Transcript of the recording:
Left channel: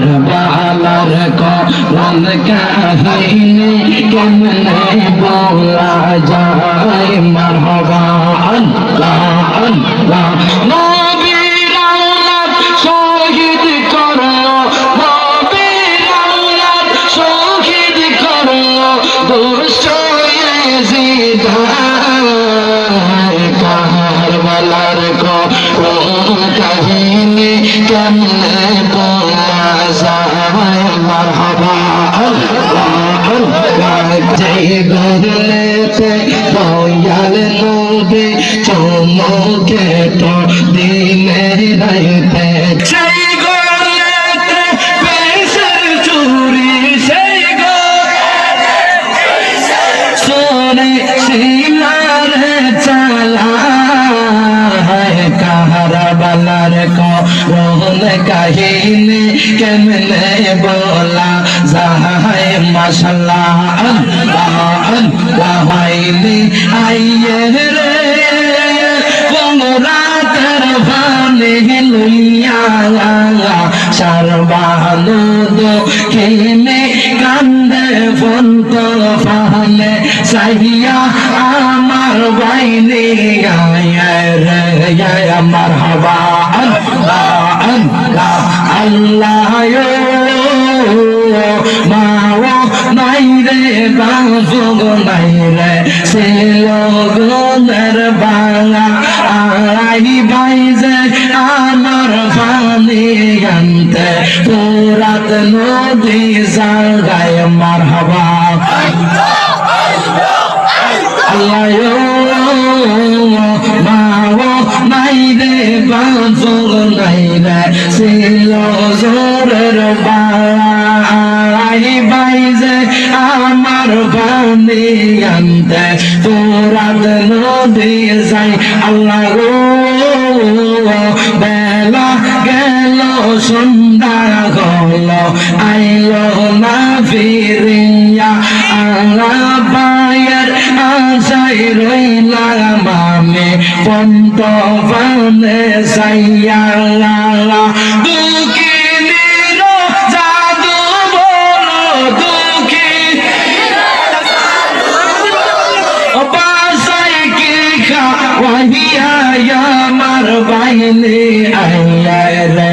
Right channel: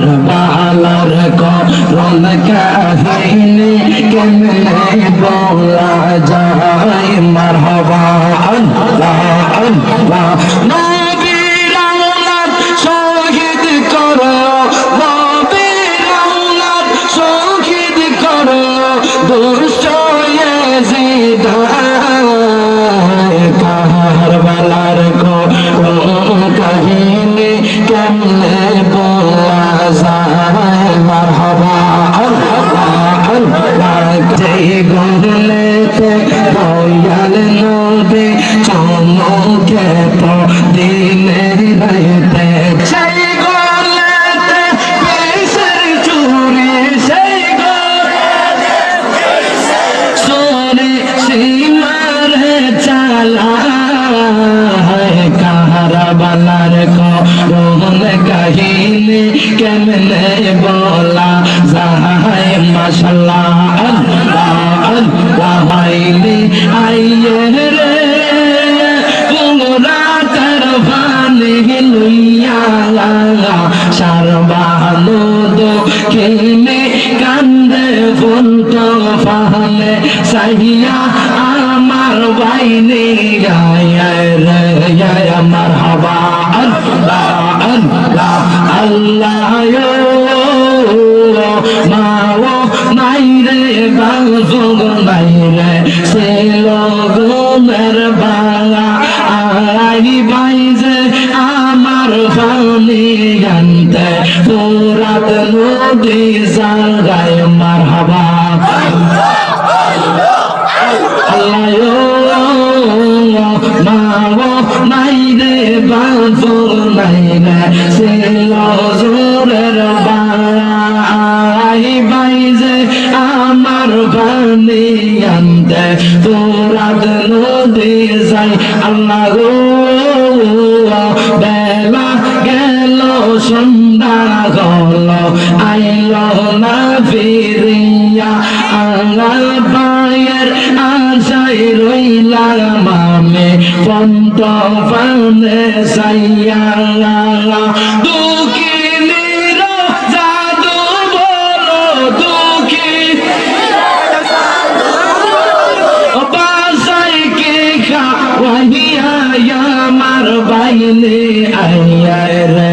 কারবালার করুণ কাহিনী কেমনে বলা যায় মারহাবা আল্লাহ আল্লাহ নবীর আওলাদ শহীদ করলো নবীর আওলাদ শহীদ করলো দুষ্ট ইয়াজিদ কারবালার করুণ কাহিনী কেমনে বলা যায় মারহাবা আল্লাহ আল্লাহ যে গলেতে দয়াল নবী চমকে তো দিলে রাইতে সেই গলেতে পেশের চুরি সেই গলেতে সোনে সীমারে চালা কারবালার করুণ কাহিনী কেমনে বলা যায় মাশাআল্লাহ আল্লাহ আল্লাহ হাইলি আইয়ে রে রাতের ভানি লইয়া সারবানু দক্ষিণে কান্দে ফন্ত ফাহলে সাইয়া আমার বাইনে গায় রে মারহাবা আল্লাহ আল্লাহ আল্লাহ মাও নাই রে বাজুগ নাই রে সে লগনের বালা আড়াই বাইজে আমার ফানি গানতে পুরাত নদী জাগায় মারহাবা আল্লাহ মাও নাই রে বাজুগ নাই রে সে লগনের বালা বাইজে আমার পানি আনতে তোরাত নদী যাই আল্লাহ গো বেলা গেল সন্ধ্যা গল আইলো না ফিরিয়া আল্লাহ পায়ের আশাই রইলাম আমি পন্ত পানে সাইয়া আল্লাহ দুঃখিনীর জাদু বলো দুঃখী বাসাই কি খাওয়াইয়া আমার বাইনে আইয়া রে